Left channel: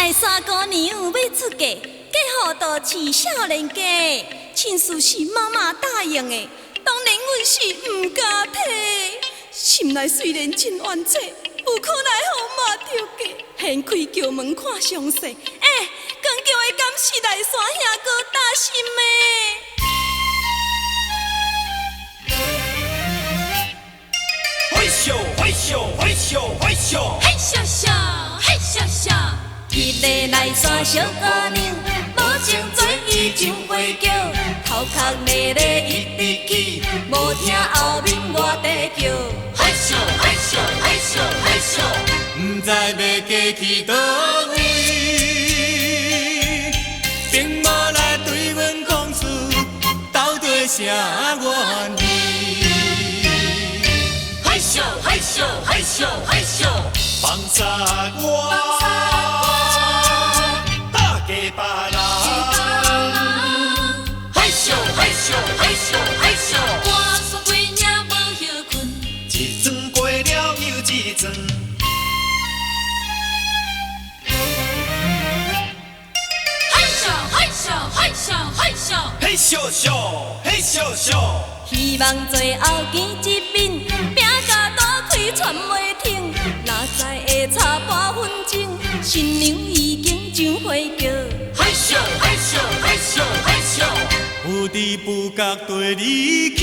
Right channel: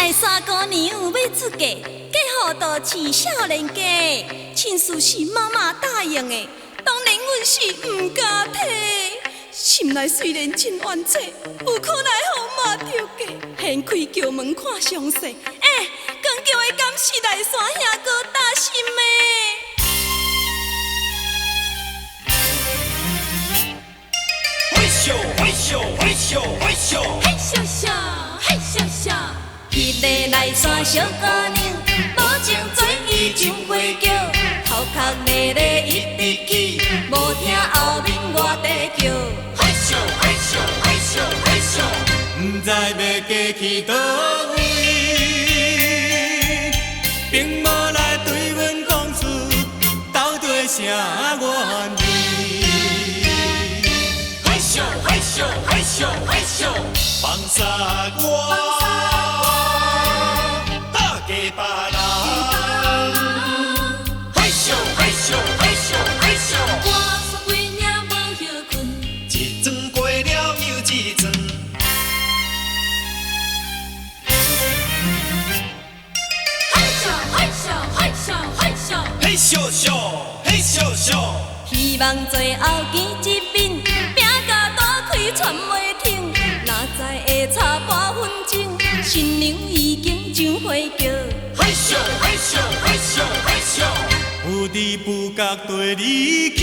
来山姑娘要出嫁，嫁予都市少年家，亲事是妈妈答应的，当然阮是毋敢替。心内虽然真冤切，有可奈何嘛着嫁，掀开轿门看详细。光叫的敢是来山兄哥大心的？迄个来山小姑娘，无情做伊上花轿，头壳咧咧一直起，无听后面外地叫。毋知要嫁去倒位，并无来对阮讲出到底啥原意。放下我。希望最后见一面，饼甲大开传袂停。哪知会差半分钟，新娘已经上花轿。有知不觉对你起，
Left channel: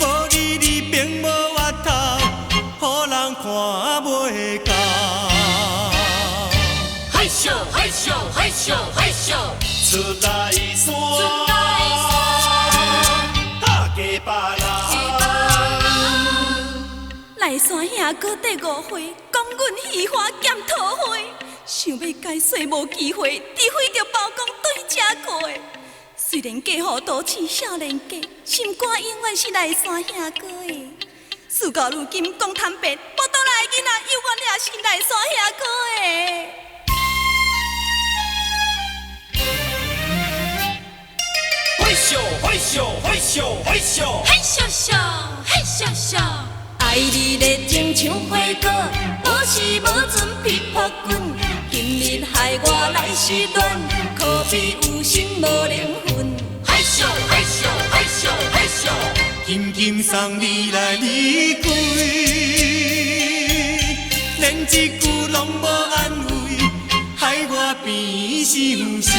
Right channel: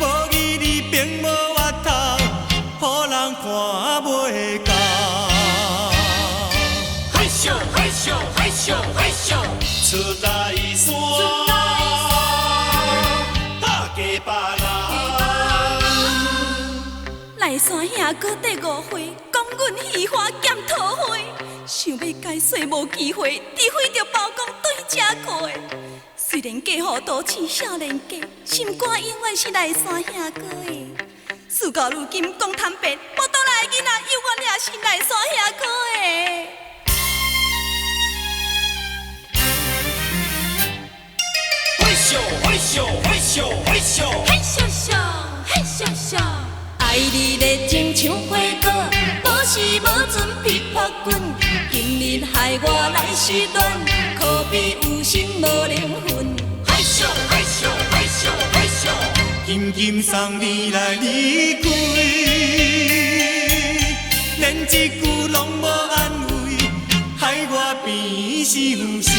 无义你并无额头，予人看袂到。来山兄哥第5回，讲阮喜欢兼桃花，想要解释无机会，除非着包公对这过。虽然嫁予都市少年家，心肝永远是来山兄哥的。事到如今讲坦白，无倒来的囡仔永远也是来山兄哥的。爱你热情像花果，无时无准琵琶棍。今日害我来失恋，可比有心无灵魂。紧紧送你来离开，连一句拢无安慰，害我变伤心。